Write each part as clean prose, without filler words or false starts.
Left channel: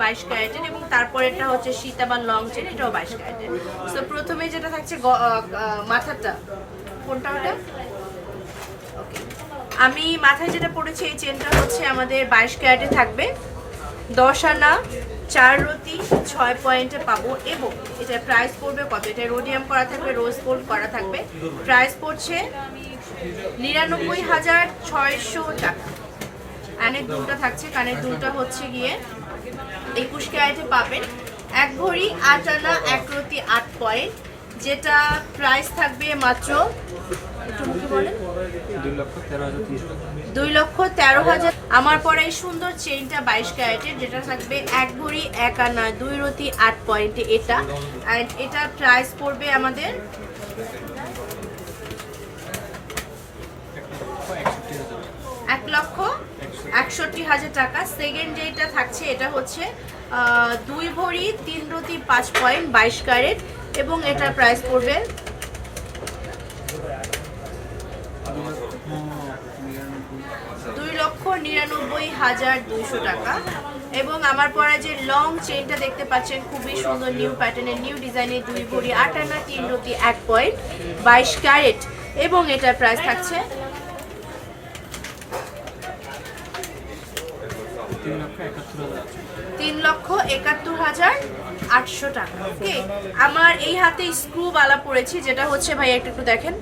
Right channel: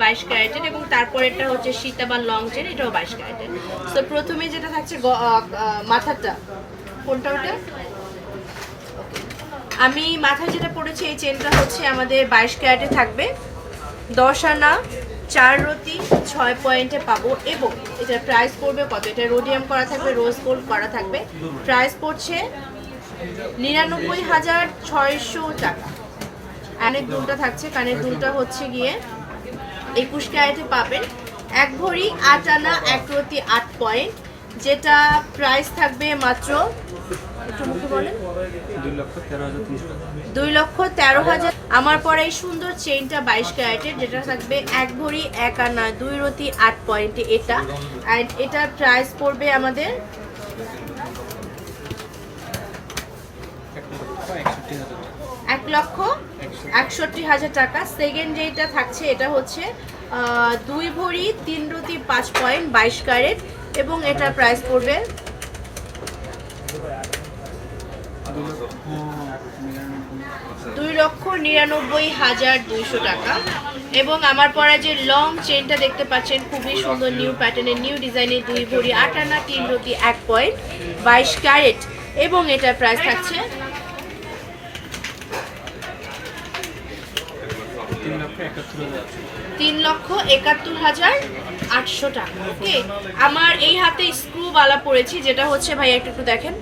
22 ক্যারেটের, এবং তারপরেরটা হচ্ছে সীতাবান লং চেন, এটাও 22 ক্যারেটের। তো প্রথমে যেটা থাকছে মাথাটা, কোনটা ওটা? আমি মাথায় যেটা পড়েছি এই চেনটা হচ্ছে আমাদের 22 ক্যারেটে থাকবে, 10 আনা 4 রতি 6 পয়েন্টে পাবো, এবং এটার প্রাইস পড়বে কত? এটা রোডিয়াম করা থাকবে, রোজ গোল্ড করা থাকবে, প্রাইস পড়ছে 99,600 টাকা। কানের দুলটা থাকছে, কানের দুলটা হচ্ছে গিয়ে 21 ক্যারেটে পাবেন, 1 ভরি 8 আনা 1 রতি 8 পয়েন্ট, যেটা প্রাইস থাকবে মাত্র, একটু মুখে বলেন, 2,13,000। আমার পরে এই সুন্দর চেইনটা 22 ক্যারেটের, যেটা থাকবে 1 ভরি 1 আনা 2 রতি 8 পয়েন্টে এটা, অ্যান্ড এটার প্রাইস পড়বে আমাদের 1,61,000 টাকা। সেকেন্ড যেটা থাকছে এটা হচ্ছে 2 ভরি 3 রতি 5 পয়েন্ট 22 ক্যারেট, এবং এটার প্রাইস পড়বে 2,99,200 টাকা। এবং আমার পরে যে লং চেনটা দেখতে পাচ্ছেন, খুবই সুন্দর নিউ প্যাটার্নের, নিউ ডিজাইনের, 2 ভরি 8 আনা 3 রতি 1 পয়েন্ট 22 ক্যারেট, এবং এটার প্রাইস থাকছে 3,71,800 টাকা। ওকে, আমার এই হাতে স্ক্রু বালা পরেছি, যেটা হচ্ছে ভাইয়া একটু দেখেন,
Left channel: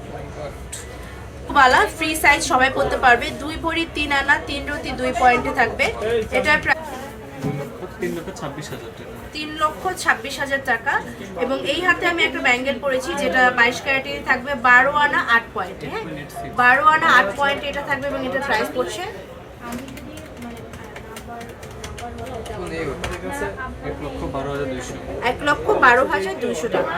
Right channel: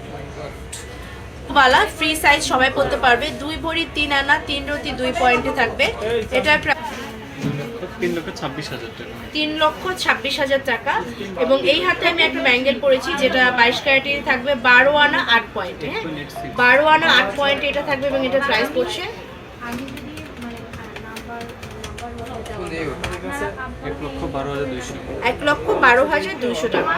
বালা ফ্রি সাইজ সবাই পড়তে পারবে, 2 ভরি 3 আনা 3 রতি 2 পয়েন্টে থাকবে, এটার প্রাইস 3,26,000 টাকা। এবং এই হাতে আমি একটা ব্যাঙ্গেল পরেছি, যেটা 22 ক্যারেটে থাকবে, 12 আনা 8 পয়েন্টে, হ্যাঁ 12 আনা 8 পয়েন্টে এটা থাকবে, এবং এটার প্রাইস পড়ছে 1,12,200 টাকা।